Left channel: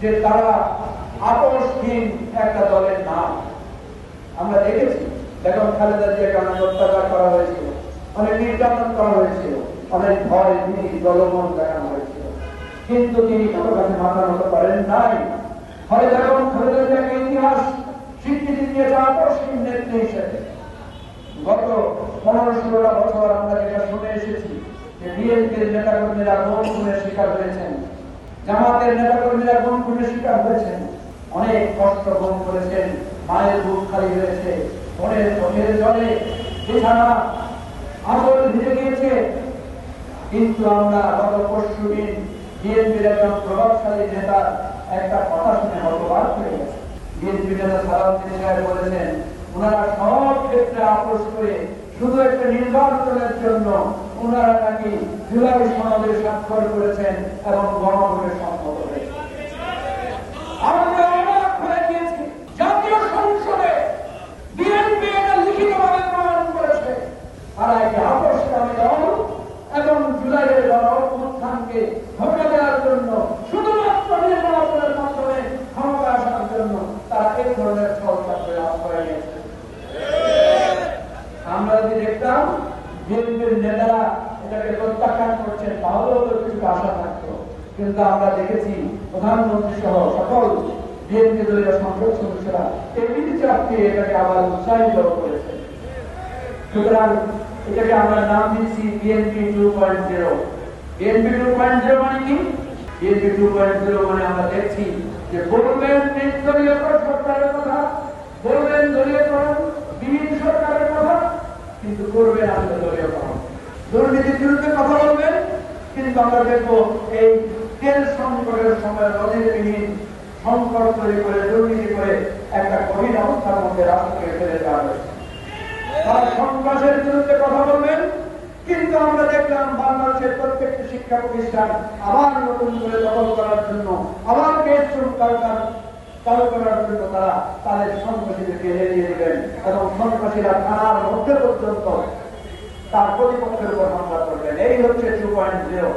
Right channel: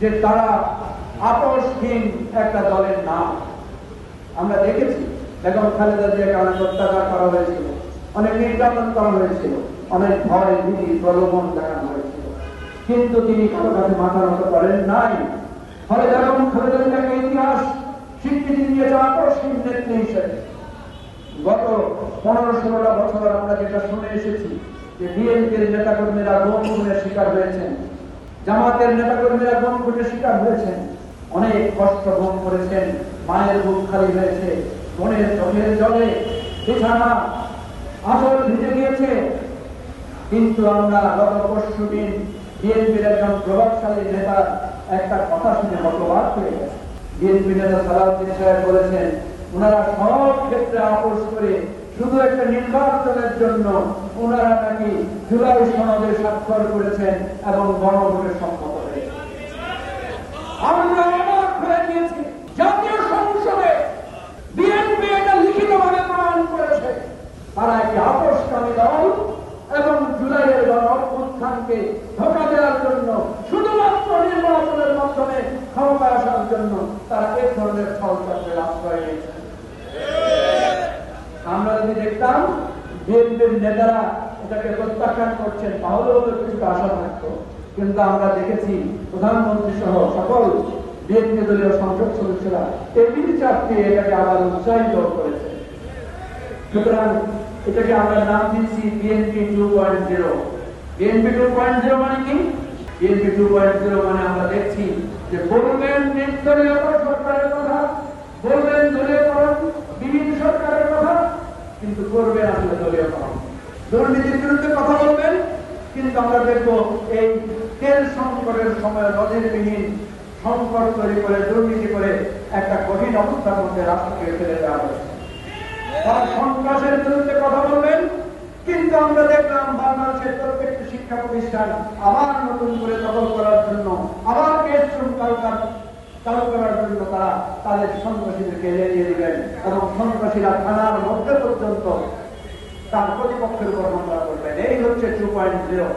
যে তারা আপোষহীন একটা দলের নাম। আমরা দেখেছি বেগম খালেদা জিয়াকে অনেক অত্যাচার করা হয়েছিল, অনেক নির্যাতন করা হয়েছিল, অনেক ভয় ভীতি প্রলোভন দেখানো হয়েছিল, কিন্তু তিনি কারো কাছে মাথা নত করেন নাই। ফলে বেগম খালেদা জিয়াকে ইতিহাস স্বীকৃতি দিয়েছে আপোষহীন নেত্রী হিসেবে। গত 15-16 বছর আমরা যেটা শুনে এসেছি যে বিএনপির নেতাকর্মীরা গুম খুনের শিকার হয়েছেন, জামাতের নেতাকর্মীরা গুম খুনের শিকার হয়েছেন, অনেক কষ্ট ভোগ করেছেন, মায়ের বুক খালি হয়েছে, মনের চোখের জলে বিছানা আঁচল ভিজে গিয়েছে। কিন্তু আমরা গত পরশুদিন বিএনপির একজন প্রভাবশালী নেতার একটা কথা শুনে হতবাক হয়ে গেছে। বিএনপি নেতা সালাউদ্দিন সাহেব বলেছেন ওনারা সব ক্ষেত্রে আপোষ করে শুধু একটা নির্বাচনের জন্য ওনারা নাকি জুলাই সনদে স্বাক্ষর করেছেন এবং গণভোটে সম্মত হয়েছে। আমরা অবাক হয়ে গিয়েছি। জাতীয় সংসদে বিএনপি এটা লিখিতভাবে প্রমাণ করেছে তারা একটি আপোষকামী দল এবং জুলাইয়ের গণঅভ্যুত্থানকে ধোঁকা দেওয়ার জন্য শুধুমাত্র নির্বাচনের মাধ্যমে ক্ষমতা আসার জন্য তারা এই ধরনের ষড়যন্ত্রের আশ্রয় নিয়েছে। আমরা যদি দেখতাম বিএনপির নেতারা এটাকে প্রত্যাখ্যান করছেন তাহলেও তো কিছু আশা থাকতো, কিন্তু আমরা দেখেছি প্রধানমন্ত্রী সহ সকল বিএনপি দলীয় সংসদ সদস্যরা এমনি চাপকে এটাকে আবার উৎসাহিত করেছে। সুতরাং এটাকে আমরা নাম দিচ্ছি বিএনপি 2.0। বিএনপি 2.0 মানে কি? বিএনপি 2.0 মানে আমরা দেখছি যে বলবেন নির্দলীয় সরকারের কথা, বলবেন দলীয়করণ বিভিন্ন সরকারের কথা, কিন্তু করবেন আসলে দলীয়করণ। দুর্নীতির বিরুদ্ধে কথা বলবেন, কিন্তু আমরা দেখবো এই তেল সংকটের সময় নজিরবিহীন সংকট তৈরি করে দুর্নীতি করে একটা কঠিন অবস্থার মধ্যে রাষ্ট্রকে ফেলে দেওয়া হয়েছে। সন্ত্রাসের বিরুদ্ধে কথা বলবেন, কিন্তু আমরা দেখলাম বাংলাদেশের প্রত্যেকটি শিক্ষা প্রতিষ্ঠান আবার নতুন করে দখল করার জন্য, আবার কেস চালু করার জন্য তারা তাদের সন্ত্রাসীদেরকে এড়িয়ে দিবেন এবং সন্ত্রাসীরা থানার মধ্যে পর্যন্ত তার প্রতিপক্ষের উপর হামলা করবেন। এই হচ্ছে 2.0।